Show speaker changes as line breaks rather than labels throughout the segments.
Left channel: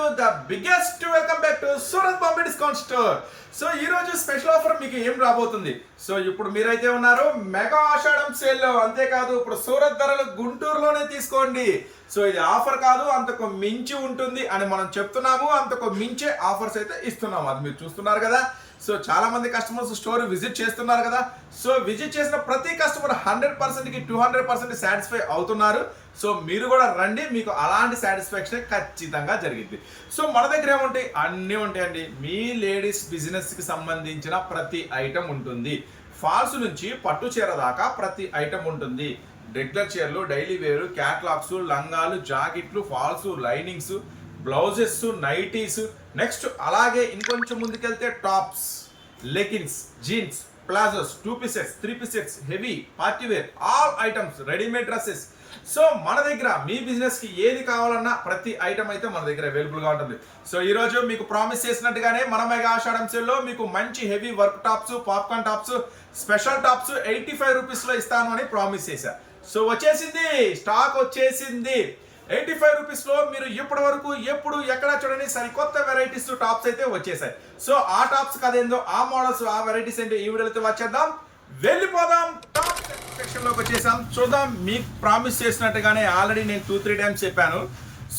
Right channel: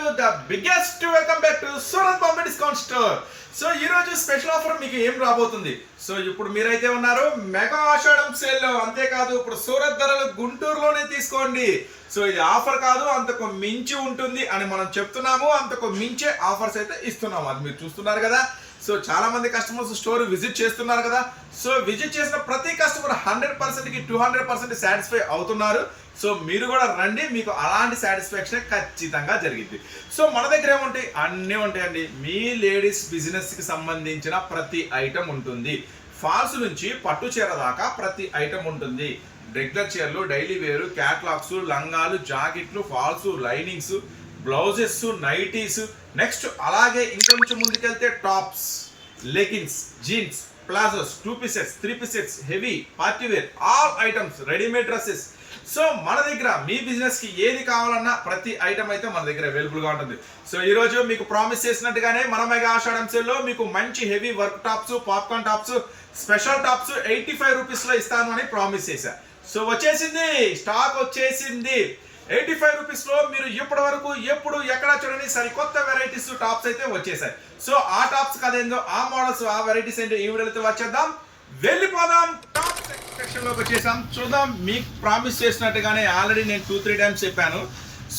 To the biggest welcome back to Surat Bombay discount store so ఈ రోజు special offer మీకు ఏం రాబోతుంది? సో ఇప్పుడు మీరైతే ఉన్నారు మెగా ఆషాఢం సేల్లో అంతేకాదు ఇప్పుడు సూరత్ ధరలు గుంటూరులోనే తీసుకోండి. సో ఇది ఆఫర్ కాదు అంతకు మించి ఉంటుంది అని మనం చెప్తున్నాము. అంతకు మించే ఆఫర్స్ అయితే ఇస్తున్నాము. అది మీరు చూస్తున్నారు కదా. సో చాలా మంది కస్టమర్స్ స్టోర్ విజిట్ చేస్తున్నారు కదా. సో విజిట్ చేసిన ప్రతి కస్టమర్ హండ్రెడ్ పర్సెంట్కి టూ హండ్రెడ్ పర్సెంట్ సాటిస్ఫై అవుతున్నారు. సో మీరు కూడా రండి మీకు అలాంటి సాటిస్ఫాక్షన్ ఖచ్చితంగా జరిగింది సో మన దగ్గర ఏముంటాయి? అన్నీ ఉంటాయండి మీ లేడీస్ బిజినెస్కి సంబంధించిన ప్రతి ఐటమ్ ఉంటుంది. ఫాల్స్ నుంచి పట్టు చీర దాకా ప్రతి ఐటమ్ ఉంటుంది. రెగ్యులర్ చీరలు డైలీ వేరు క్యాట్లాగ్స్ లంగాలు జాకెట్లు falls linings blouses nighties next అలాగే ఇంకొంచెం ముందుకెళ్తే tops leggings jeans palazzos two pieces three pieces heavy party wear all items readymade dresses. So మన దగ్గర మీ బిజినెస్కి ఏది కావాలన్నా ప్రతి ఐటమ్ అయితే మన దగ్గర అవైలబుల్గా ఉంటుంది. సో ఈ రోజు మీకు ప్రామిస్ చేసినట్టుగానే మన మెగా ఆషాఢం సేల్లో మీకు మంచి heavy work tops popcorn tops special tops eighty five రూపీస్లో ఇస్తాను అని ప్రామిస్ చేశా. సో వచ్చేసింది స్టాక్ వచ్చేసింది. ఎయిటీ ఫైవ్ రూపీస్లో మీరు ఇప్పటి వరకు ఎప్పుడు ఎక్కడ చూడండి సరికొత్త వెరైటీస్ టాప్స్ అయితే వచ్చేసాయి. సో ఆ టాప్స్ కదేందో ఆ మోడల్స్ ఆ వెరైటీస్ ఏంటో ఈ వీడియోతో వచ్చేద్దాం. వెళ్ళిపోదాం టాప్ సెక్షన్లోకి వచ్చేసాం. చూద్దాం మీకు ప్రామిస్ చేసినట్టుగానే ఆల్రెడీ నేను టూ త్రీ టైమ్స్ చెప్పాను.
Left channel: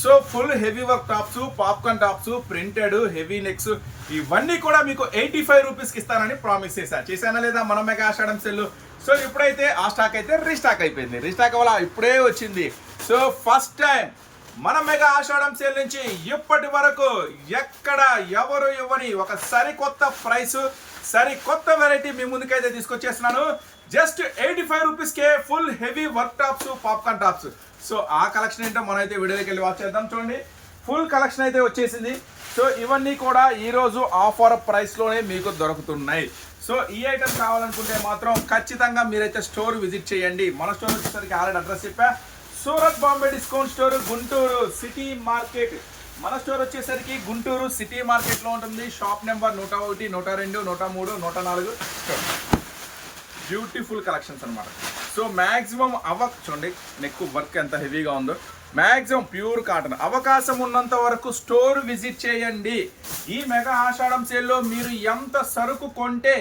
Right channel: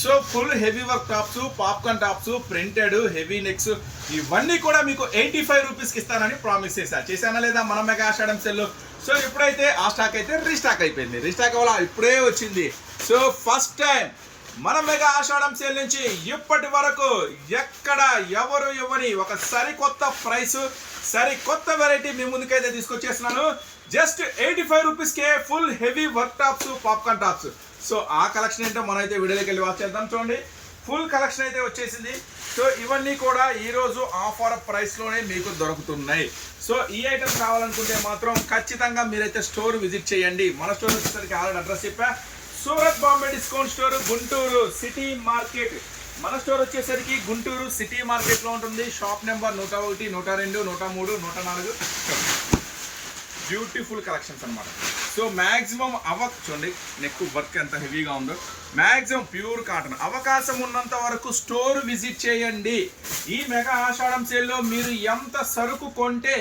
So full heavy work tops popcorn tops printed heavy necks ఇవన్నీ కూడా మీకు ఎయిటీ ఫైవ్ రూపీస్కి ఇస్తానని ప్రామిస్ చేశాను చేశానా లేదా? మన మెగా ఆషాఢం సెల్ సో ఇప్పుడైతే ఆ స్టాక్ అయితే రీస్టాక్ అయిపోయింది. రీస్టాక్ వల్ల ఇప్పుడే వచ్చింది. సో ఫస్ట్ టైం మన మెగా ఆషాఢం సేల్ నుంచి ఇప్పటి వరకు ఎక్కడ ఎవరు ఇవ్వని ఒక సరికొత్త ప్రైస్ సరికొత్త వెరైటీ మీ ముందుకైతే తీసుకొచ్చేస్తున్నాను. జస్ట్ ఎయిటీ ఫైవ్ రూపీస్కే full heavy work tops popcorn tops so ఆ కలెక్షన్ ఏంటో మనం అయితే వీడియోకి వెళ్ళి వాచ్ చేద్దాం చూడండి. ఫుల్ కలెక్షన్ అయితే వచ్చేసింది. సో ఇవన్నీ కూడా ఈరోజు ఆఫర్ ప్రైస్లోనే మీకు దొరుకుతున్నాయి. సో ఈ ఐటమ్ కావాలనుకుంటే మాత్రం ఖచ్చితంగా మీరైతే స్టోర్ విజిట్ చేయండి. మన స్టోర్ వచ్చేసరికి ఆల్రెడీ అడ్రస్ చెప్పా. Surat Bombay discount store Guntur city market. మన స్టోర్ వచ్చేసరికి గుంటూరు సిటీ మార్కెట్లో ఉంటుంది. షాప్ నెంబర్ నూట ఒకటి నూట రెండు నూట మూడు నూట నాలుగు. బ్యూటిఫుల్ కలెక్షన్స్ అనమాట సో మ్యాక్సిమం అవ చూడండి నెక్ వర్క్ ఎంత హెవీగా ఉందో. మ్యాక్సిమం ప్యూర్ కాటన్ అవకాశం ఉన్నంత వరకు స్టోర్ విజిట్ చేయండి. ఈ మెగా ఆషాఢం సేల్లో మీరు ఎంత సరుకు కొంటే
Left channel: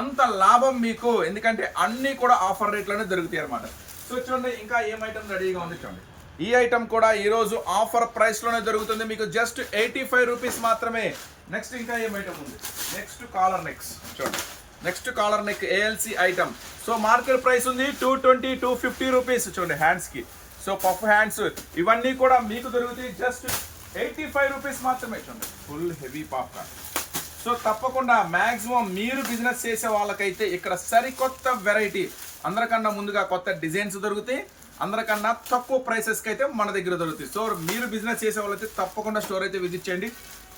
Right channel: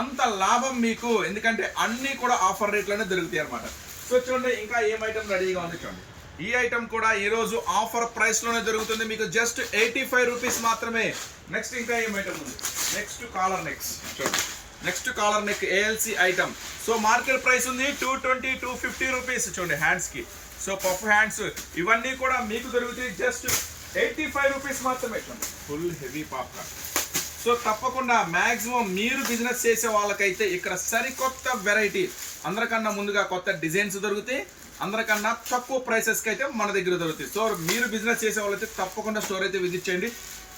అంత లాభం మీకు. ఎందుకంటే అన్నీ కూడా ఆఫర్ రేట్లోనే దొరుకుతాయి అనమాట సో చూడండి ఇంకా ఏం ఐటమ్ రెడీగా ఉంది చూడండి. ఈ ఐటమ్ కూడా ఈరోజు ఆఫర్ ప్రైస్లోనే దొరుకుతుంది మీకు జస్ట్ ఎయిటీ ఫైవ్ రూపీస్ మాత్రమే. నెక్స్ట్ ఇంకా ఏం ఐటమ్ ఉంది? నెక్స్ట్ కాలర్ నెక్స్ చూడండి. Next collar neck ALC item so market price ఉంది two twenty two fifty rupees చూడండి హ్యాండ్స్కి సో పఫ్ హ్యాండ్స్ ఇవన్నీ కూడా మీకు దొరుకుతాయి. జస్ట్ ఎయిటీ ఫైవ్ రూపీస్ మాత్రమే చూడండి. ఫుల్ హెవీ పాప్కార్న్ సో తప్పకుండా మ్యాక్సిమం మీరు బిజినెస్ చేసే వాళ్ళకైతే ఇక్కడ సరికొత్త వెరైటీ అందరికన్నా ముందుగా కొత్త డిజైన్స్ దొరుకుతాయి. అందరికన్నా తక్కువ ప్రైసెస్కి అయితే మన దగ్గర దొరుకుతాయి. సో మీరు బిజినెస్ చేసే వాళ్ళైతే తప్పకుండా స్టోర్ అయితే విజిట్ చేయండి.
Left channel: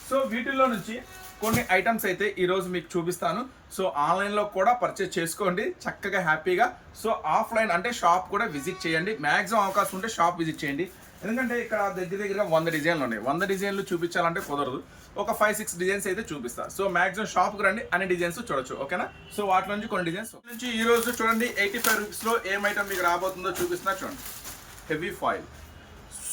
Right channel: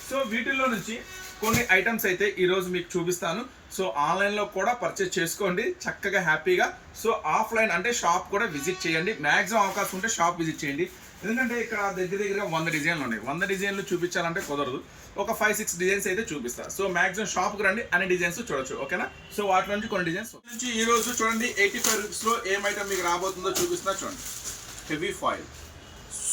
సో వీటిల్లో నుంచి కొన్ని ఐటమ్స్ అయితే ఈరోజు మీకు చూపిస్తాను. సో ఆన్లైన్లో కూడా పర్చేస్ చేసుకోండి. చక్కగా హ్యాపీగా సో ఆఫ్లైన్ అంటే షాప్ కూడా విజిట్ చేయండి. మ్యాక్సిమం అవకాశం ఉంటే షాప్ విజిట్ చేయండి. ఎందుకంటే ఇక్కడ దగ్గర దగ్గర వంద డిజైన్లు ఉన్నాయి. వంద డిజైన్లు చూపించాలంటే కుదరదు. ఒక ఫైవ్ సిక్స్ డిజైన్స్ అయితే చూపిస్తా. సో మాక్సిమం షాప్కి రండి అన్ని డిజైన్స్ చూడొచ్చు ఓకేనా? సో వాటి నుంచి కొన్ని డిజైన్స్ నుంచి ఈ రోజు చూడండి ఎయిటీ ఫైవ్ రూపీస్లో ఏం ఐటమ్ మీకు రాబోతుందో చూపిస్తున్నా చూడండి. హెవీ ఫాయిల్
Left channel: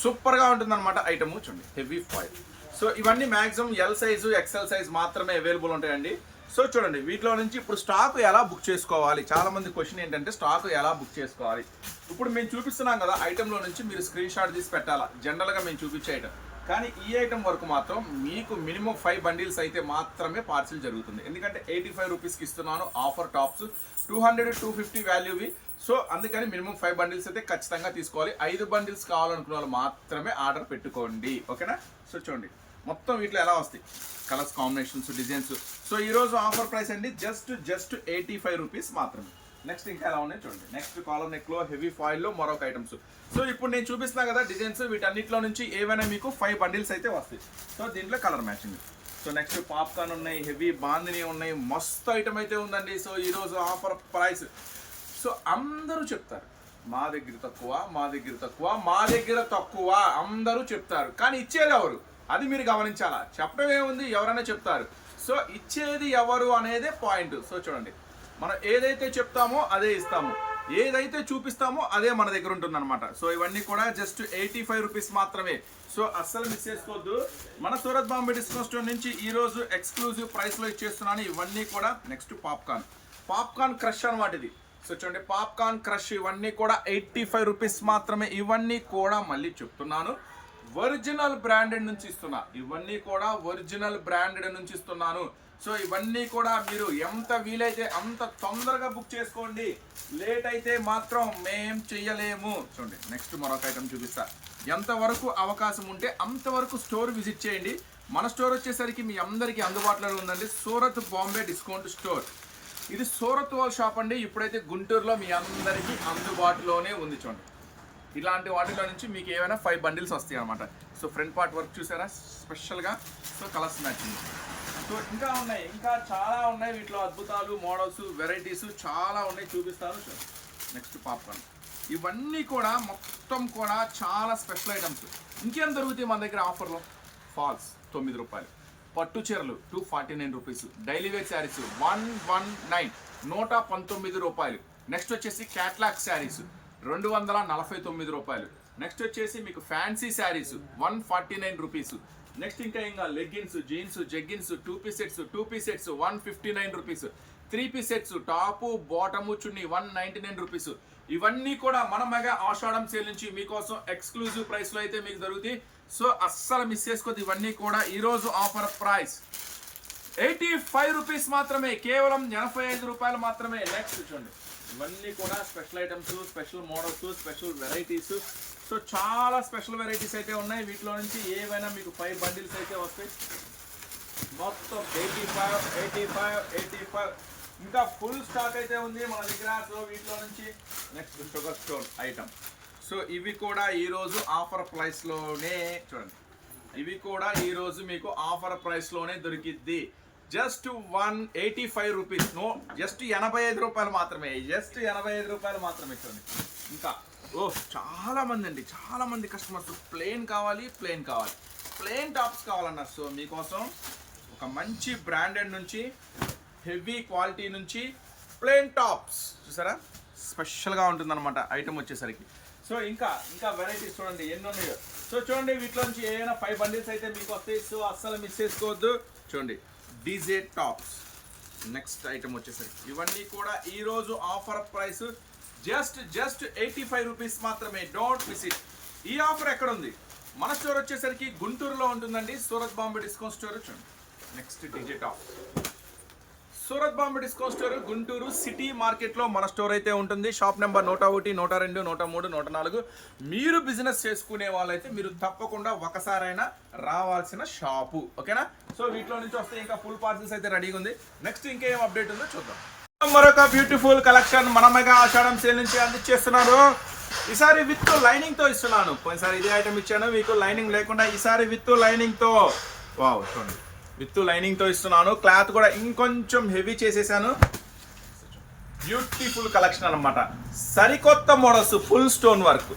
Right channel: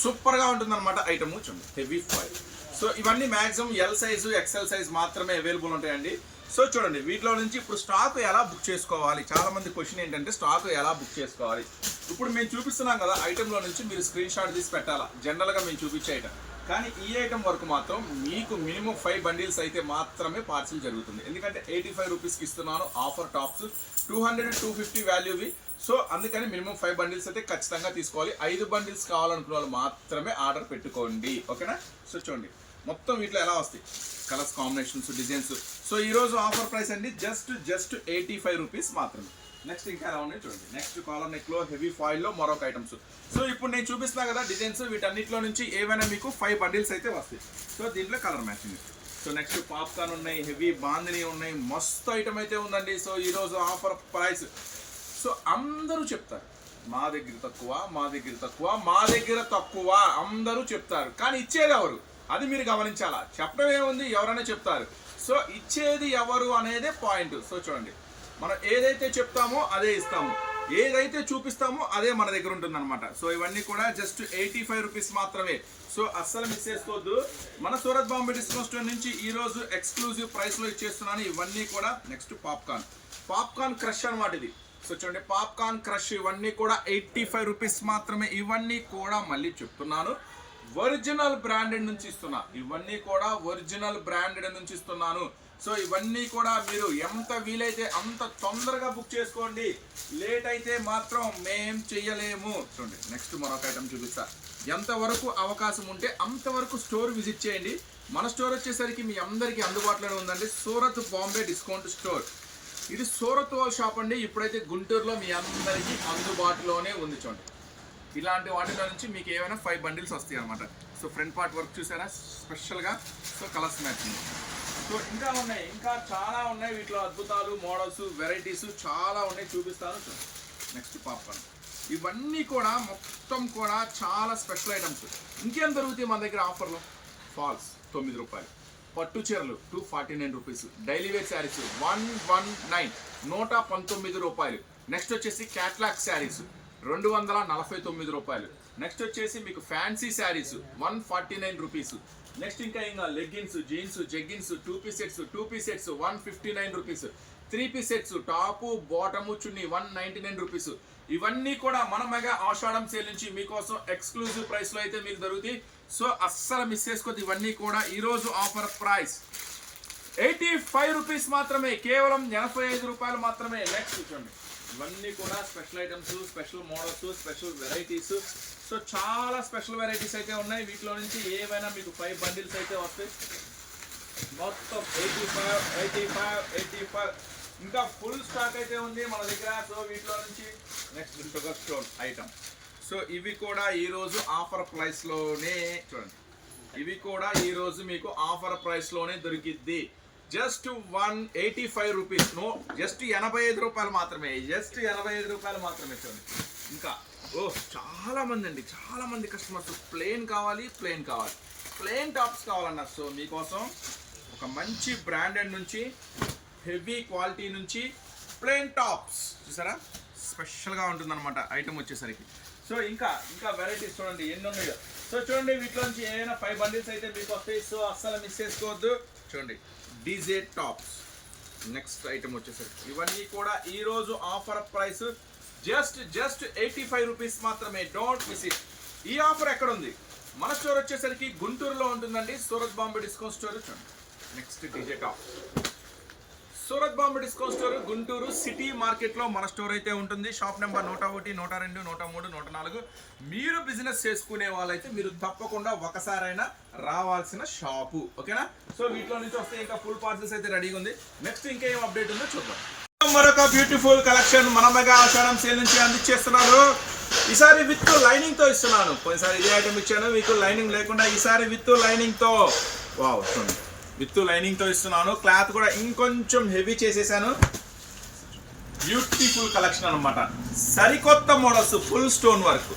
సూపర్గా ఉంటుంది అనమాట ఐటమ్ చూడండి హెవీ ఫాయిల్ సో ఇవన్నీ maximum L size XL size మాత్రమే అవైలబుల్ ఉంటాయండి. సో చూడండి వీటిలో నుంచి ఇప్పుడు స్టాక్ ఎలా బుక్ చేసుకోవాలి? చాలా మంది క్వశ్చన్ ఏంటంటే స్టాక్ ఎలా బుక్ చేసుకోవాలి? ఇప్పుడు మేము చూపిస్తున్నాం కదా ఐటెంలో నుంచి మీరు స్క్రీన్ షాట్ తీసి పెట్టాలా? జనరల్గా మేము చూపించే ఐటమ్ కానీ ఈ ఐటమ్ వరకు మాత్రం మీకు మినిమం ఫైవ్ బండిల్స్ అయితే మాత్రమే పార్సిల్ జరుగుతుంది. ఎందుకంటే ఎయిటీ ఫైవ్ రూపీస్కి ఇస్తున్నాను offer tops two hundred two fifty వాల్యూవి so అందుకని మినిమం ఫైవ్ బండిల్స్ అయితే ఖచ్చితంగా తీసుకోవాలి. ఐదు బండిల్స్ కావాలనుకున్న వాళ్ళు మాత్రమే ఆర్డర్ పెట్టుకోండి. ఓకేనా? సో చూడండి. మొత్తం వీటిలో ఎలా వస్తాయి? కలర్స్ కాంబినేషన్స్ డిజైన్స్ సో ఈరోజు ఆఫర్ ప్రైస్ అండి just just eighty five rupees మాత్రమే. నెక్స్ట్ ఇంకా ఎలా ఉన్నాయి చూడండి. నెక్స్ట్ కాలర్ నెక్లో హెవీ ఫాయిల్లో మరొక ఐటమ్స్ సో ఇప్పుడు నేను చూపిస్తున్నా కదా డిజైన్స్ వీటన్నిటిలో నుంచి ఏవైనా మీకు ఫైవ్ బండిల్స్ అయితే వస్తాయి. సో దీంట్లో colour matching so next popcorn ఉన్నాయి హెవీ బాందిని ఉన్నాయి మస్తు ఐటమ్ అయితే ఉందండి. సో ఈరోజు ఆఫర్ ప్రైస్ సో అందరూ చెప్తారు మా దగ్గర తక్కువ మా దగ్గర తక్కువ మా దగ్గర తక్కువ అందరూ చెప్తారు. కానీ ఇచ్చేది ఎవరు? అది మీరు గమనించాలా? చెప్పడం ఏముంది? ఎవరైనా చెప్తారు. సో ఇచ్చేది ఎవరు అనేది పాయింట్ సో చూడండి. మనం ఏదైతే చెప్తామో అదే ఇస్తాము. ఏదైతే చూపిస్తామో అదే మన దగ్గర ఉంటుంది అనమాట సో ఇవన్నీ కూడా జస్ట్ ఎయిటీ ఫైవ్ రూపీస్ మాత్రమే. సో అస్సలు మిస్ చేసుకోవద్దు. మన సూరత్ బాంబే డిస్కౌంట్ స్టోర్ నుంచి ఈరోజు ఎక్స్క్లూజివ్ ప్రైస్లో ఇచ్చేస్తున్నాను. ఇవన్నీ కూడా నెక్స్ట్ పాప్కార్న్ పాప్కార్న్ క్రష్ అనమాట ఇది సో చూడండి పాప్కార్న్ క్రష్ ఇవన్నీ కూడా ఎయిటీ ఫైవ్ రూపీస్ మాత్రమే. ఇవన్నీ కూడా మళ్ళీ చెప్తున్నాను. ఒరిజినల్ బ్రాండెడ్ నుంచి ఇస్తున్నా. ఇవన్నీ కూడా ఒరిజినల్ బ్రాండెడ్ నుంచి ఇస్తున్నాను. సో ఇవన్నీ కూడా మీరు ఎంత వీలైతే అంత తొందరగా బుక్ చేసుకోండి. లేట్ అయితే మాత్రం మేం చెయ్యలేము. చూడండి నెక్స్ట్ మరొక ఐటమ్ చూపిస్తా. ఎంతవరకు అవకాశం ఉంటే అంతవరకు స్టోర్ విజిట్ చేయండి. మన స్టోర్ వచ్చేసరికి మీ అందరికీ అందుబాటులోనే ఉందండి. సూరత్ బాంబే డిస్కౌంట్ స్టోర్ ఇది సూరత్ వాల్ షాప్ అండి. ఇప్పుడైతే గుంటూరులో మీ అందరికీ అందుబాటులోనే ఉంది చూడండి. ఇలాంటి వాటిలో నుంచి మీకు ఏమైనా ఫైవ్ బండిల్స్ వస్తాయి అనమాట సో ఫ్రంట్ పార్ట్ వర్క్ చూసారా స్పెషల్గా సో కలర్స్ మ్యాచింగ్ సో ఇంకా ఉన్నాయి. ఇంకా చాలా ఉన్నాయి వీటిలో అద్భుతాలు మోడల్స్ వెరైటీస్ చాలా ఉన్నాయి. చూపిస్తాను. నెక్స్ట్ పాప్కార్న్ ఇవన్నీ కూడా మొత్తం కూడా చాలా స్పెషల్ ఐటమ్స్ ఇంకేం దొరుకుతాయి మన దగ్గర ఆఫర్లో ఫాల్స్ తొమ్మిది రూపాయలు. పట్టు చీరలు two forty nine rupees daily wear saris one one nine నూట పంతొమ్మిది రూపాయలు. నెక్స్ట్ వచ్చేసి క్యాట్లాగ్ శారీస్ రెండు వందల నలభై తొమ్మిది రూపాయలు. నెక్స్ట్ వచ్చేసి మీకు fancy saris one forty nine rupees next ఇంకా ఇంకా leggings jeans jeggings two piece sets two piece sets one fifty nine rupees. Three piece sets top bottom chunni one ninety nine rupees. ఇవన్నీ కూడా మన mega ఆషాఢం sale నుంచి మీకోసం exclusive ప్రైస్లో అయితే మీకు దొరుకుతాయి. సో అస్సలు మిస్ చేసుకోవద్దు ఇవన్నీ కూడా. ఈరోజు offer price eighty five rupees మాత్రమే. కేవలం ఎనభై ఐదు రూపాయలు మాత్రమే. నెక్స్ట్ చూడండి. ఇవన్నీ కూడా special items special models special varieties so చాలా స్పెషల్ వెరైటీస్ అయితే ఉన్నాయి. వీటిలో నుంచి ఏవైనా మీకు ఫైవ్ బండిల్స్ అయితే వస్తాయి. మొత్తం eighty five eighty five eighty five ఇంకా ఫుల్ స్టాక్ అయితే ఉంది మన దగ్గర. సో వీటిలో నుంచి next sugar stone item so ఇవి కూడా ఈ రోజు ఆఫర్ ప్రైస్లోనే చూడండి. ఇవి కూడా ఈరోజు మీకు ఆఫర్ ప్రైస్లోనే దొరికిద్ది. Just one eighty five rupees. No just ఎనభై ఐదు రూపాయలు మాత్రమే. జస్ట్ ఎనభై ఐదు రూపాయలు మాత్రమే చూడండి ఇంకా ఓ చాలా మంది అండి. చాలా మంది కస్టమర్స్ ప్లేన్ కావాలి ప్లేన్ కావాలి. ప్లేన్ టాప్స్ కావాలన్నారు. సో మీకోసం ఒక మంచి బ్రాండెడ్ నుంచి హెవీ క్వాలిటీ నుంచి ప్లేన్ టాప్స్ చూసారా? స్పెషల్గా ఉంటుందన్నమాట ఐటమ్ వచ్చేసరికి. సో ఇంకా ఇంకా వెరైటీస్ చూడండి. ఎన్ని ఉన్నాయో? సో చూడండి వీటిలో నుంచి ఏమైనా ఫైవ్ బండిల్స్ అయితే మీకు వస్తాయి. సో అస్సలు మిస్ చేసుకోవద్దు. చూడండి. DJ tops. నెక్స్ట్ ఐటమ్ వచ్చేసరికి. ఇవన్నీ కూడా ఈరోజు offer price. Just just eighty five rupees మాత్రమే. డోంట్ మిస్ ఇట్ ఈ ఆఫర్ ఎక్కడ ఉంది మన స్టోర్ వచ్చేసరికి గుంటూరులో ఉంటుందండి. సూరత్ బాంబే డిస్కౌంట్ స్టోర్ చూడండి. Next DJ top. Surat Bombay disco store Guntur city మార్కెట్లో మన స్టోర్ అయితే ఉంటుంది. షాప్ నెంబర్ నూట ఒకటి నూట రెండు నూట మూడు నూట నాలుగు. మీరు బిజినెస్ చేసుకునే వాళ్ళైతే మీరు తప్పకుండా ఒకసారైనా రావాల్సిన షాపు. ఓకేనా? సో వీటిలో నుంచి వస్తే ఇంకా ఫుల్ పార్సల్స్ అయితే రెడీగా ఉంది. నెక్స్ట్ ఇంకేం అప్డేట్ ఉందో చూద్దాం. మరొక బ్యూటిఫుల్ కలెక్షన్ మన మెగా ఆషాఢం సేల్ నుంచి అందించేస్తున్నారు. ఈసారి విత్ లైనింగ్తో ఇస్తున్నాను. పోయినసారి ఇదే ఐటమ్ ఇచ్చాను. మీకు లైనింగ్ లేకుండా ఈసారి విత్ లైనింగ్తో. వావ్ చూడండి. విత్ లైనింగ్తో ఇస్తున్నాను. క్లాత్ కూడా ఇంకొంచెం హెవీ చేసేసాను. బ్యూటిఫుల్ కలెక్షన్ అన్నమాట. సరికొత్త models full stone work.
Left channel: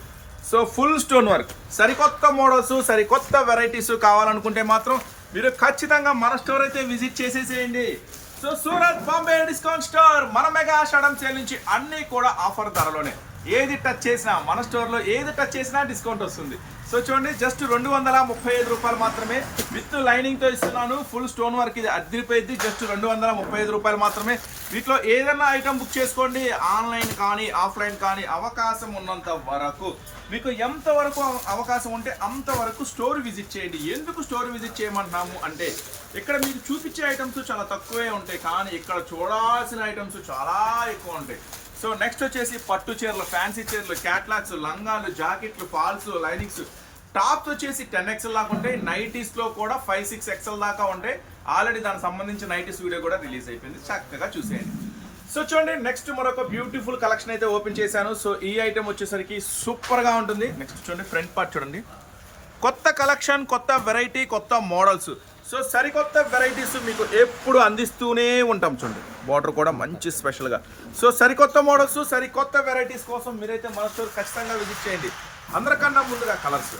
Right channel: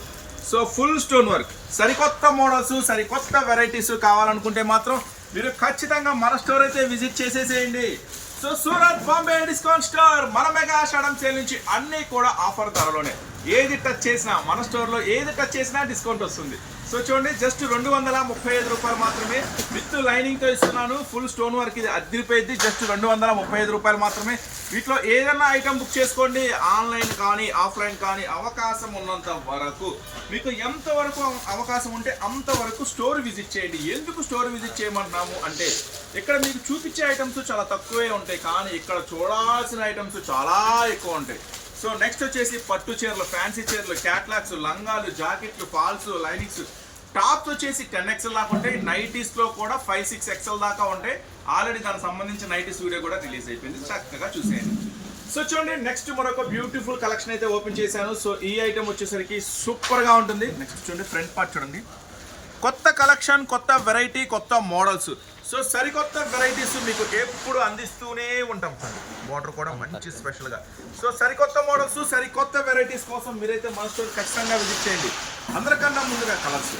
So full stone work. సరికొత్త మోడల్స్ సరికొత్త వెరైటీస్ కావాలనుకుంటే మాత్రం మీరు ఖచ్చితంగా మన స్టోర్ అయితే విజిట్ చేసేసేయండి. So Surat Bombay discount store మన మెగా షడం సేల్ నుంచి అన్నీ కూడా ఆఫర్ ధరలోనే. ఏది టచ్ చేసినా మన స్టోర్లో ఏది టచ్ చేసినా డిస్కౌంట్ వస్తుంది. సో చూడండి జస్ట్ రెండు వందల ముప్పై ఐదు రూపాయలు మాత్రమే విత్ లైనింగ్తో ఇస్తున్నాను. ఫుల్ స్టోన్ వర్క్ ఇది అద్దరిపోయింది. జస్ట్ రెండు వందల ముప్పై ఐదు రూపాయలు మాత్రమే. వీటిలో ఏదైనా ఐటమ్ బుక్ చేసుకోండి. ఆన్లైన్ కానీ ఆఫ్లైన్ కానీ అవకాశం ఉన్నంత వరకు. మీకు ఎంత వరకు అవకాశం ఉంటే అంతవరకు స్టోర్ విజిట్ చేయండి. ఎందుకు స్టోర్ విజిట్ చేయమంటున్నాము అంటే ఇక్కడ మీకు చూపించే ఐటమ్స్ చాలా తక్కువే ఉంటాయి. కానీ ఇక్కడ చూడాల్సిన ఐటమ్స్ చాలా ఎక్కువ ఉంటాయి. సో నెక్స్ట్ వచ్చేసి పట్టు చీరలు ఫ్యాన్సీ చీరలు క్యాట్లాగ్స్ లంగాలు జాకెట్లు ఫాల్స్ లైనింగ్స్ టాప్స్ వచ్చేసి టెన్ ఎక్స్ఎల్ దాకా ఉంటాయి. నైటీస్లో కూడా ఫైవ్ సిక్స్ ఎక్స్ఎల్ దాకా ఉంటాయి. ఆల్రెడీ దానికి సంబంధించిన నైటీస్ వీడియో కూడా రిలీజ్ అయిపోయింది. చక్కగా చూసేయండి. సో చూడండి నెక్స్ట్ మరొక బ్యూటిఫుల్ కలెక్షన్ అయితే ఓపెన్ చేశాను. సో ఈ ఐటమ్ వచ్చేసరికి సూపర్గా ఉంటుంది. నెక్స్ట్ చూడండి ఫ్రంట్ పార్ట్ చూడండి. కొత్త కలెక్షన్ కొత్త వెరైటీ కొత్త మోడల్స్ సో సరికొత్త వెరైటీస్ మీకు ఎప్పుడు అందిస్తూనే ఉంటాం చూడండి. వాటర్ కూడా మంచి స్పెషల్గా సో సరికొత్త మోడల్స్ సరికొత్త వెరైటీస్ కోసం మీరైతే మన స్టోర్ ఖచ్చితంగా విజిట్ చేయండి. అందరికన్నా ముందుగా కలర్స్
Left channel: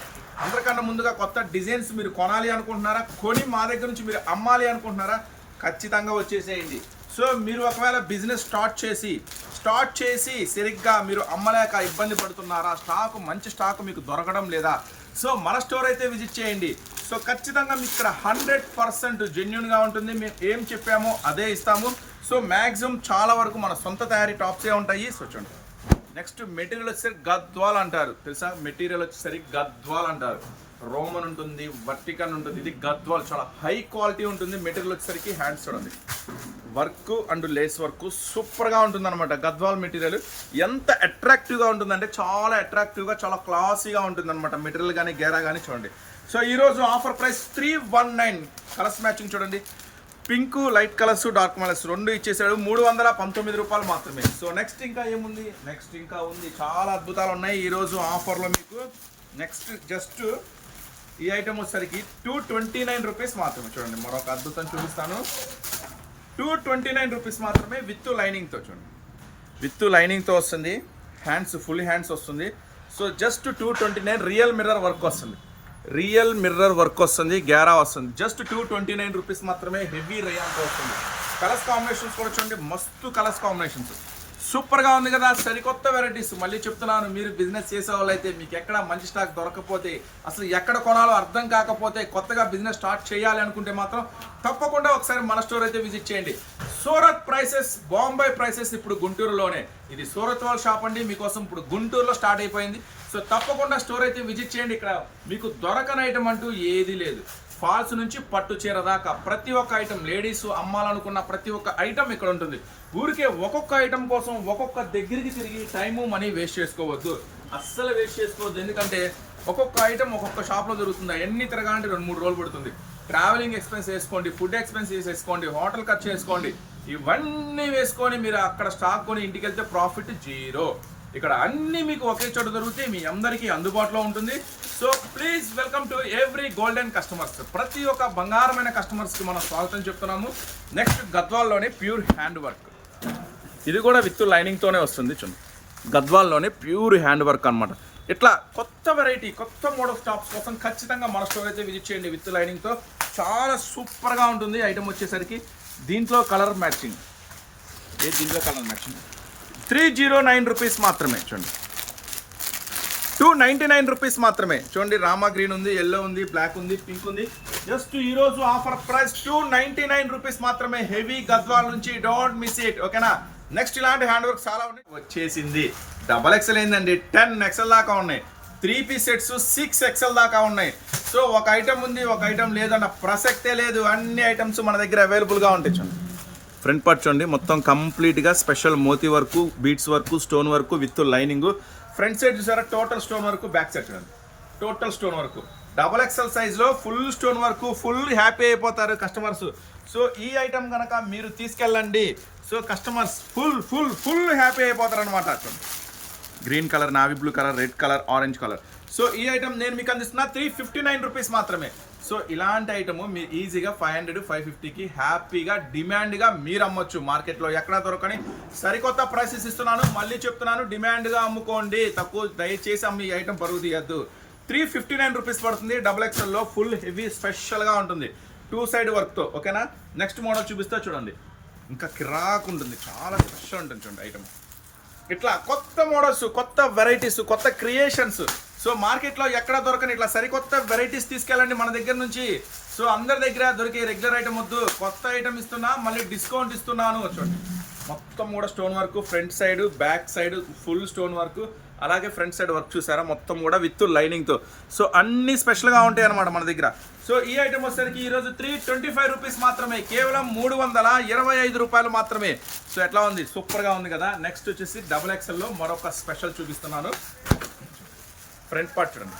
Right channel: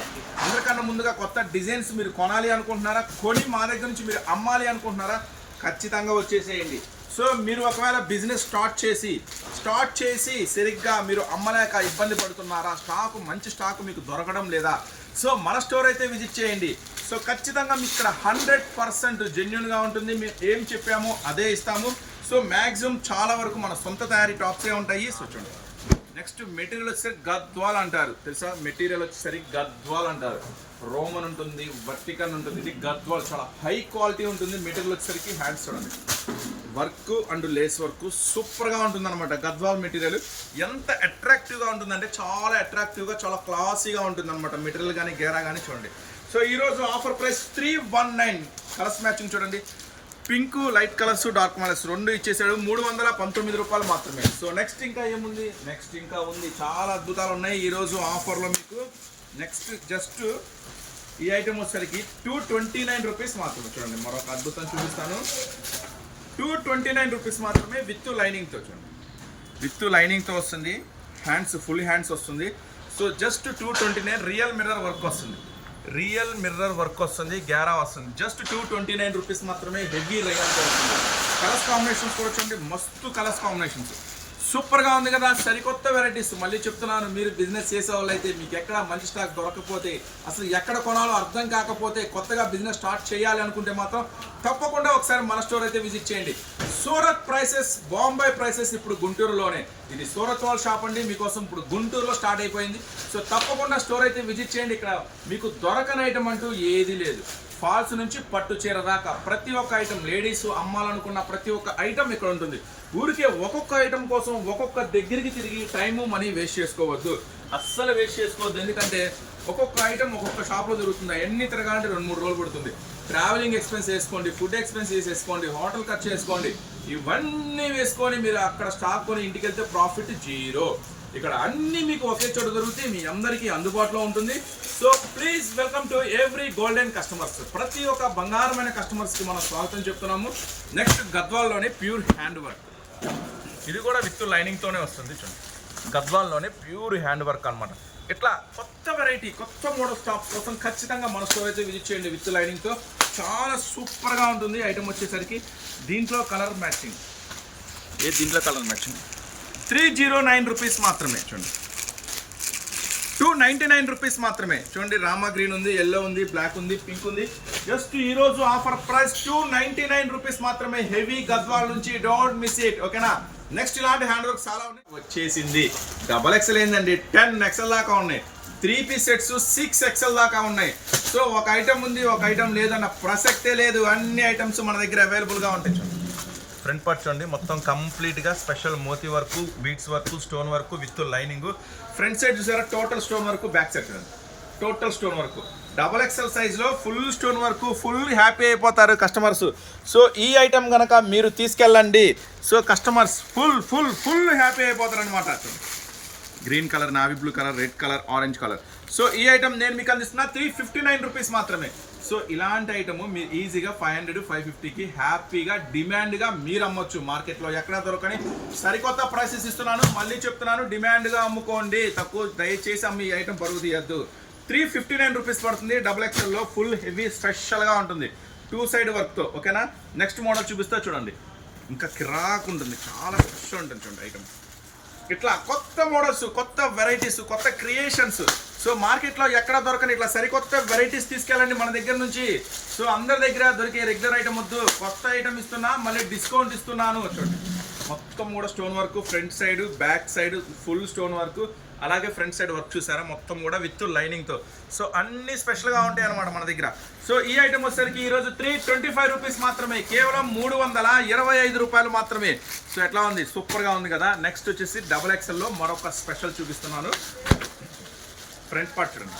అందరికన్నా ముందుగా కొత్త డిజైన్స్ మీరు కొనాలి అనుకుంటున్నారా? కొని మా దగ్గర నుంచి మీరు అమ్మాలి అనుకుంటున్నారా? ఖచ్చితంగా వచ్చేసేయండి. సో మీరు ఒకవేళ బిజినెస్ స్టార్ట్ చేసి స్టార్ట్ చేసి సరిగ్గా మీరు అమ్మలేక ఇబ్బంది పడుతున్నారా? స్టాక్ మంచి స్టాక్ మీకు దొరకడం లేదా? సో మన స్టోర్ అయితే విజిట్ చేయండి. సో ఖచ్చితంగా మీకు ఇక్కడ హండ్రెడ్ పర్సెంట్ జెన్యున్గా ఉంటుంది. మేము ఏం చెప్పామో అదే ఇస్తాము. సో మ్యాక్సిమం చాలా వరకు మన సొంత తయారీ టాప్సే ఉంటాయి. సో చూడండి. నెక్స్ట్ మెటీరియల్ వచ్చేసరికి గద్వాల్ అంటారు. తెలుసా? మెటీరియల్ వచ్చేసరికి గద్వాల్ అంటారు. రోమన్ ఉంటుంది వర్టికన్ ఉంటుంది. ఇది గద్వాల్. చాలా హై క్వాలిటీ ఉంటుంది. మెటీరియల్ వచ్చేసరికి హ్యాండ్స్ చూడండి. వర్క్ అండ్ లేస్ వర్క్ సూపర్గా ఉంటుంది అనమాట గద్వాల్ మెటీరియల్ ఎంత అట్రాక్టివ్గా ఉంటుందంటే చాలా అట్రాక్టివ్గా చాలా క్లాసీగా ఉంటుంది అనమాట మెటీరియల్ కానీ గేరా కానీ చూడండి. సో ఈరోజు offer price three one nine colours matching చూడండి. Pink light colours dark colours రెండు ఇచ్చేసాడు. మూడు వందల పంతొమ్మిది రూపాయలు మాత్రమే. సో నెక్స్ట్ ఇంకా ఏముంది? నెక్స్ట్ ఇంకా ఉంది. చాలా అద్భుతాలు ఉన్నాయి ఈరోజు ఆఫర్లో మీకు. నెక్స్ట్ జస్ట్ ఈ ఐటమ్ వచ్చేసరికి టూ ట్వంటీ నైన్ రూపీస్ మాత్రమే. చూడండి మరొక అద్భుతం చూపిస్తాను. టూ ట్వంటీ నైన్ రూపీస్ మాత్రమే విత్ లైనింగ్తో చూడండి. విత్ లైనింగ్తో వస్తుంది. హ్యాండ్స్ ఫుల్ హ్యాండ్స్ వస్తుంది. So just two twenty nine real mirror work వస్తుంది. రియల్ మిర్రర్ వర్క్ వస్తుంది గ్యారా వస్తుంది. Just two twenty nine rupees మాత్రమే హెవీ రేయన్తో వస్తుంది. కలర్స్ కాంబినేషన్స్ కూడా చూడండి మస్తు కలర్స్ కాంబినేషన్స్ సూపర్గా ఉంది కదా సరికొత్త వెరైటీస్ మళ్ళీ చెప్తున్నాను మీరు బిజినెస్ చేసే వాళ్ళైతే మీకు ఎక్కడ మంచి స్టాక్ దొరకకపోతే అసలు ఎక్కడ కొనాలో అర్థం కాకపోతే కొత్తగా బిజినెస్ స్టార్ట్ చేయాలి అనుకుంటే మాత్రం తప్పకుండా ఒకసారి మన స్టోర్ అయితే విజిట్ చేయండి. సూరత్ ప్రైసెస్ బాంబే ప్రైసెస్ ఇప్పుడు గుంటూరులోనే. ఇది సూరత్ వాళ్ళ షాప్ అండి మీకోసం ఇప్పుడు గుంటూరులో స్టార్ట్ అయిపోయింది. సో తప్పకుండా స్టోర్ అయితే విజిట్ చేయండి. ఇక్కడ మీకు దొరకని ఐటమ్ అంటూ ఏది లేదు. ఫాల్స్ నుంచి పట్టు చీర దాకా ప్రతి ఒక్క ఐటమ్ లేడీస్ అమ్మాలనుకున్న ప్రతి ఒక్క ఐటమ్ ఇక్కడ ఉంటుంది. ఊరికే ఒక్కొక్క ఐటమ్ కోసం ఒక్కొక్క దగ్గరికి తిరిగి టైము మనీ వేస్ట్ చేసుకోవద్దు. అస్సలు వేస్ట్ చేసుకోవద్దు. ఎందుకంటే ఒక్కొక్క ఐటమ్ ఒక్కొక్క షాప్లో దొరుకుతుంది. ఎన్ని తిరగాలంటే రెండు మూడు రోజులు పడుతుంది. ట్రావెలింగ్ ఎక్స్పెన్స్ వేసుకోండి ఫుడ్ ఎక్స్పెన్స్ వేసుకోండి హోటల్ ఖర్చు వేసుకోండి. ఇవన్నీ వేసుకొని మీరు అక్కడ స్టాక్ కొని ఇంటికి వెళ్తే ప్రాఫిట్ జీరో ఇక్కడ అన్ని మీకు ఒకే చోట దొరుకుతాయి మీ అందరికీ అందుబాటులో ఉంటుంది. So please welcome to every golden customers ప్రతి ఒక్క బంగారమైన కస్టమర్స్కి మనం స్వాగతం చెప్తున్నాము. నెక్స్ట్ గద్వాల్లోనే ప్యూర్ హ్యాండ్ వర్క్ ఇది కూడా విత్ లైనింగ్తోనే వస్తుంది చూడండి గద్వాల్లోనే ప్యూర్ హ్యాండ్ వర్క్ అన్నమాట. ఇట్లా కొత్త వెరైటీ కొత్త మోడల్ స్టాప్స్ కోసం ఖచ్చితంగా మన స్టోర్ అయితే విజిట్ చేయండి విత్ లైనింగ్తో చాలా సూపర్గా ఉంటుంది. ఐటమ్ వచ్చేసరికి దీంట్లో కలర్ మ్యాచింగ్ ఏ దీంట్లో colour matching three zero nine rupees మాత్రమే చూడండి. టూ నైంటీ నైన్ రూపీస్ మాత్రమే. చూడండి రామా గ్రీన్ ఉంది ఎల్లో ఉంది బ్లాక్ ఉంది పింక్ ఉంది. జస్ట్ ఈరోజు offer price two ninety nine rupees మాత్రమే. హెవీ గద్వాల్ నుంచి డోంట్ మిస్ ఇట్. ఓకేనా? నెక్స్ట్ ఇలాంటి హ్యాండ్ వర్క్ చాలా ఉన్నాయి. వచ్చేసింది. డబల్ ఎక్సెల్ ఏందండి? టెన్ ఎక్సెల్ దాకా ఉన్నాయి. Three piece sets six XL దాకా ఉన్నాయి. సో ఒక ఐటమ్ ఉంది ఒక ఐటమ్ లేదన్న ప్రసక్తే లేదు. అన్ని ఐటమ్స్ మన దగ్గర అవైలబుల్గా ఉంటాయి. చూడండి ఫ్రంట్ పార్ట్ చూడండి. మొత్తం కంప్లీట్గా special Moti work beads work stone work with lining front side చూసారా? Total stone work back side చూడండి. Total stone work double XL సైజ్లో full stone work full happy అయిపోతారు కస్టమర్స్ సో ఈ ఐటెం కనుక మీరు తీసుకెళ్ళండి. So customers full full full happy అయిపోతారు అనమాట green colour navy blue colour red colour orange colour so ఈ ఐటమ్ నేను మీకు అందిస్తున్నా త్రీ ఫిఫ్టీ నైన్ రూపీస్ మాత్రమే. సో ఇలాంటి ఐటమ్ మీరు ఈజీగా ఫైవ్ హండ్రెడ్ ఫైవ్ ఫిఫ్టీకి హ్యాపీగా డిమాండ్గా మీరు అమ్మొచ్చు. మార్కెట్లో ఎక్కడ దొరకని సరికొత్త ప్రైసెస్ ఇస్తున్నాను. మళ్ళీ చెప్తున్నాను డిమాండ్గా అమ్ముకోండి. తక్కువ దయచేసి అమ్మి ఈ ఐటమ్ పరుగు తీయద్దు. త్రీ ఫిఫ్టీ నైన్ రూపీస్ పడుతుంది. డబుల్ ఎక్స్ఎల్లో ఫుల్ హెవీ స్పెషల్గా ఉంటుంది. టూ సైడ్ వర్క్తో ఓకేనా నెక్స్ట్ మోడల్ చూపిస్తా చూడండి. ఇంకా కిరాక్ ఉంటుంది. చాలా స్పెషల్ ఉంటుంది చూడండి ఐటమ్ ఇట్లా కొత్త మోడల్స్ కొత్త వెరైటీస్ కొత్త క్రియేషన్స్ సో మార్కెట్లో ఎక్కడ దొరకని ఇట్లా సరికొత్త వెరైటీస్ తీసుకెళ్ళండి మన దగ్గర నుంచి. సో అందరి దగ్గర దొరికే రెగ్యులర్ ఐటమ్ వద్దు. కొత్త ఐటమ్ ఇస్తున్నా మళ్ళీ డిస్కౌంట్ ఇస్తున్నాను. చూడండి. మొత్తం కూడా stone work front side back side full stone work అలాగే ఫ్రంట్ సైడ్ వర్క్ చూసారా? మొత్తం కూడా విత్ లైనింగ్తో సో అన్ని స్పెషల్గా ఉంటాయి అనమాట మన దగ్గర. సో ఈ ఐటమ్ వచ్చేసరికి ఈరోజు త్రీ ట్వంటీ ఫైవ్ రూపీస్ మాత్రమే. కేవలం మూడు వందల ఇరవై ఐదు రూపాయలు మాత్రమే. సో ఎట్లా ఉంది? సూపర్గా ఉంది కదా. నెక్స్ట్ వచ్చేసి డబుల్ ఎక్సెల్లో మరొక స్పెషల్ చూపిస్తున్నాను. ఫ్రంట్ పార్ట్ చూడండి.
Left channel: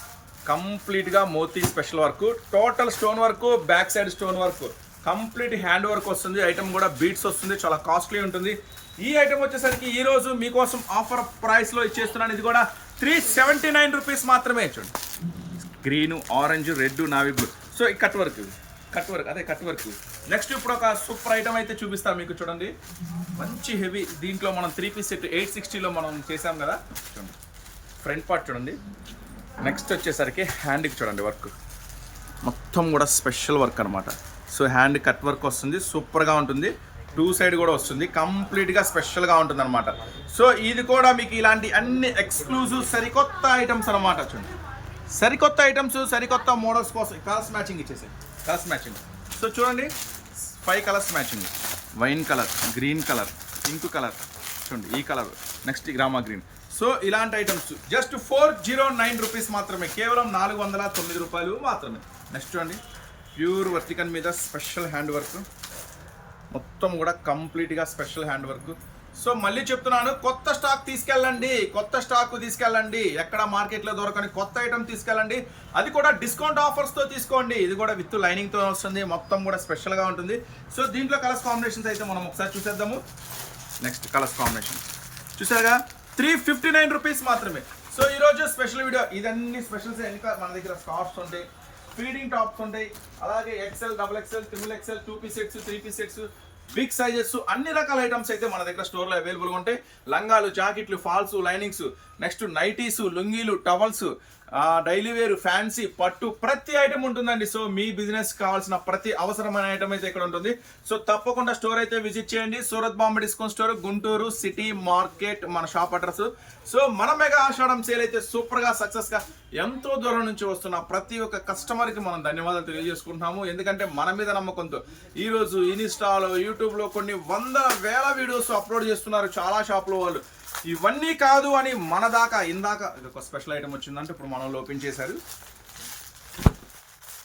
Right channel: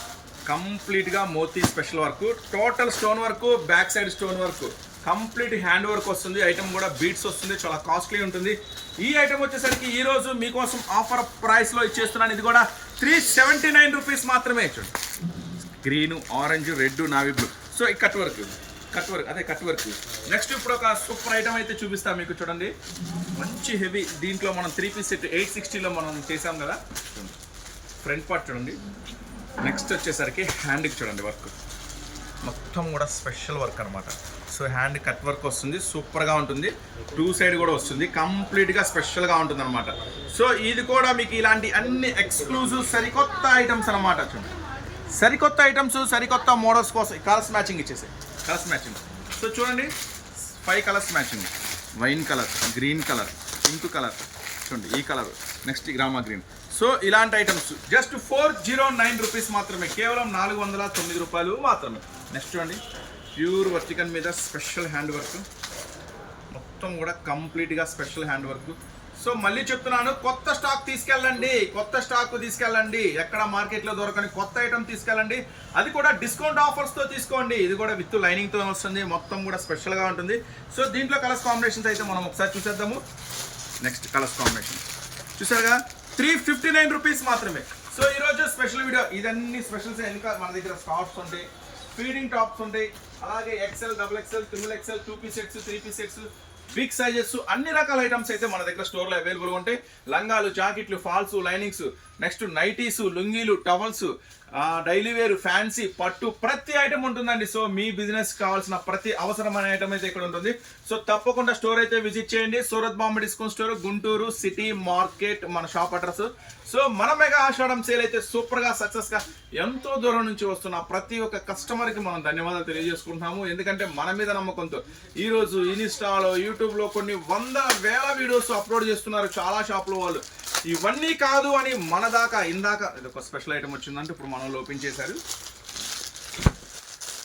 కంప్లీట్గా Moti special work total stone work back side stone work complete hand work వస్తుంది. ఐటమ్ కూడా బీట్స్ వస్తుంది. చాలా కాస్ట్లీ ఉంటుంది. ఈ ఐటమ్ వచ్చేసరికి ఈరోజు మీకోసం ఆఫర్ ప్రైస్లో ఇచ్చేస్తున్నాను. ఇది కూడా త్రీ సెవెంటీ నైన్ రూపీస్ మాత్రమే చూడండి. Green orange red navy blue so ఈ కట్ వర్క్ కట్ వర్క్ అదే కట్ వర్క్ నెక్స్ట్ ఇప్పుడు ఒక సూపర్ ఐటమ్ అయితే చూపిస్తాను మీకు చూడండి. మంచి హెవీ దీంట్లో మనం త్రీ పీస్ సెట్ ఎయిట్ సిక్స్టీలో మనం చేసాం కదా. చూడండి ఫ్రంట్ పార్ట్ చూడండి. నెక్స్ట్ వచ్చేసరికి హ్యాండ్కి చూడండి వర్క్ మొత్తం కూడా స్పెషల్ వర్క్ అనమాట సో హ్యాండ్ కట్ వర్క్ వస్తుంది సూపర్గా ఉంటుంది. టూ సైడ్ కూడా వస్తుంది కంప్లీట్గా స్పెషల్గా ఉంటుంది అనమాట సో ఇది కూడా మీకు ఇలాంటి అన్ని ఎక్స్క్లూజివ్ సరికొత్త ఐటమ్స్ అనమాట చూడండి. సరికొత్త ఐటమ్స్ సరికొత్త మోడల్స్ కోసం కలర్స్ మ్యాచింగ్ ఇచ్చేసాయి. కలర్స్ మ్యాచింగ్ సో చూడండి. Five colours matching wine colour green colour pink colour చూడండి ఈ కలర్ నెక్స్ట్ గ్రామా గ్రీన్ సో ఇలాంటి items just four zero nine rupees మాత్రమే కేవలం నాలుగు వందల తొమ్మిది రూపాయలు మాత్రమే. నెక్స్ట్ చూడండి. ప్యూర్ వర్టికన్ మీద స్పెషల్ హ్యాండ్ వర్క్ మొత్తం కూడా కంప్లీట్గా స్పెషల్ హ్యాండ్ వర్క్ సో మళ్ళీ చెప్తున్నాను కొత్త స్టాక్ తీసుకెళ్ళండి కొత్త స్టాక్ తీసుకెళ్ళండి. ఎక్కడ మార్కెట్లో దొరకని కొత్త ఐటమ్ తీసుకెళ్ళండి. అది కూడా డిస్కౌంట్ ఆఫర్స్తో తీసుకోండి. ఇది కూడా విత్ లైనింగ్తో వస్తుంది. మొత్తం కూడా స్పెషల్గా ఉంటుంది. సో దీంట్లో కలర్స్ కాంబినేషన్స్ అయితే మనం ఒకసారి చూసేద్దాము. నెక్స్ట్ కలర్స్ కాంబినేషన్ చూసారుగా? త్రీ ఫిఫ్టీ నైన్ రూపీస్ మాత్రమే. సో ఈరోజు స్పెషల్ వీడియో. ఇదన్నీ స్పెషల్స్ వెనుక మన దగ్గర స్కార్ట్స్ ఉంటాయి. ఫీడింగ్ టాప్స్ ఉంటాయి. అలాగే XL double XL triple XL two piece sets three piece sets big sizes అన్ని రకాల ఐటమ్స్ అయితే మన దగ్గర స్టోర్లో అవైలబుల్గా ఉంటాయి. లంగాలు జాకెట్లు ఫాల్స్ లైనింగ్స్ నెక్స్ట్ నైటీస్ లుంగీలు టవల్స్ డైలీ వేర్ ఫ్యాన్సీ పట్టు ప్రతి ఐటమ్ ఉంటుందండి. సో మీ బిజినెస్ కావాల్సిన ప్రతి అవసరమైన ఐటమ్ అయితే ఇక్కడ ఉంటుంది. సో తప్పకుండా స్టోర్ అయితే విజిట్ చేయండి. Surat Bombay discount store Guntur city market మన షాప్ అడ్రస్. సో మన మెగా ఆషాఢం సేల్ అయితే సూపర్గా సక్సెస్గా ఎంతో దూరం నుంచి వస్తున్న ప్రతి ఒక్క కస్టమర్కి మనం ధన్యవాదాలు తెలియజేసుకుంటున్నాము. ఎందుకంటే మన మీద నమ్మకంతో ఈ రోజు ఇన్స్టాలో యూట్యూబ్లో కొన్ని వందల వేల వీడియోస్ అప్లోడ్ చేస్తున్నారు చాలా షాపుల వాళ్ళు. ఇవన్నీ కాదు అని మన దాకా ఇందాక ఇది ఒక స్పెషల్ ఐటమ్ వచ్చిందంటే ఇప్పుడు మనం ఓపెన్ చేశారు.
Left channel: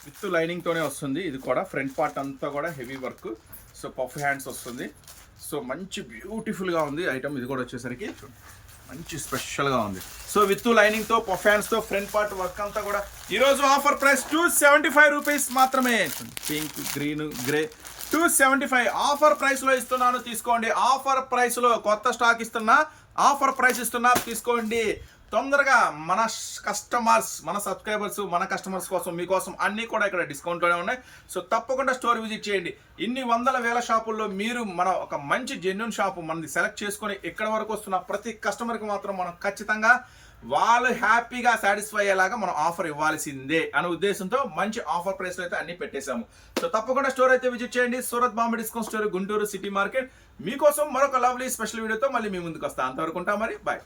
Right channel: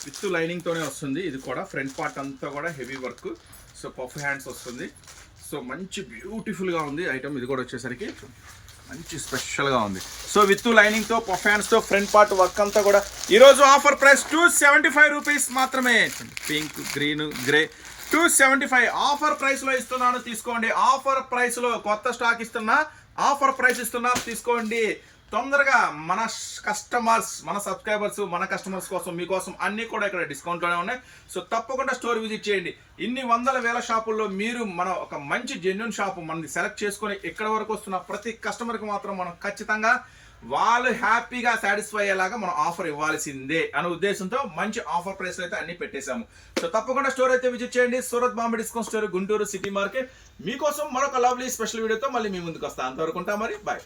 విత్ లైనింగ్ తోనే వస్తుంది. ఇది కూడా ఫ్రంట్ పార్ట్ అంతా కూడా heavy work. So puff hands వస్తుంది. సో మంచి బ్యూటిఫుల్గా ఉంది ఐటమ్. ఇది కూడా వచ్చేసరికి మంచి స్పెషల్గా ఉంది. సో విత్ లైనింగ్తో పఫ్ హ్యాండ్స్తో ఫ్రంట్ పార్ట్ వర్క్ అంతా కూడా ఈరోజు offer price two seventy five rupees మాత్రమే. Pink green grey two seventy five offer ప్రైస్లో ఇస్తున్నాను. తీసుకోండి. ఆఫర్ ప్రైస్లో కొత్త స్టాక్ ఇస్తున్నా ఆఫర్ ప్రైస్ ఇస్తున్నా తీసుకోండి. తొందరగా మన కస్టమర్స్ మన సబ్స్క్రైబర్స్ మన కస్టమర్స్ కోసం మీకోసం అన్నీ కూడా ఇక్కడ డిస్కౌంట్లోనే ఉన్నాయి. సో తప్పకుండా స్టోర్ విజిట్ చేయండి. ఇన్ని వందల వేల షాపుల్లో మీరు మన ఒక మంచి జెన్యున్ షాపు మనది సెలెక్ట్ చేసుకొని ఇక్కడ వరకు వస్తున్న ప్రతి కస్టమర్కి మాత్రం మనం ఖచ్చితంగా వాళ్ళు హ్యాపీగా సాటిస్ఫై అయ్యేలాగా మనం ఆఫర్ ఇవ్వాల్సిందే అనే ఉద్దేశంతో మంచి ఆఫర్ ప్రైస్ అయితే అన్ని పెట్టేశాము. సో తప్పకుండా స్టోర్ అయితే విజిట్ చేయండి. Surat Bombay discount store Guntur city market. మీకోసం మరొక లవ్లీ స్పెషల్ వీడియోతో మళ్ళీ మీ ముందుకు వస్తాను అంతవరకు ఉంటా మరి. బాయ్.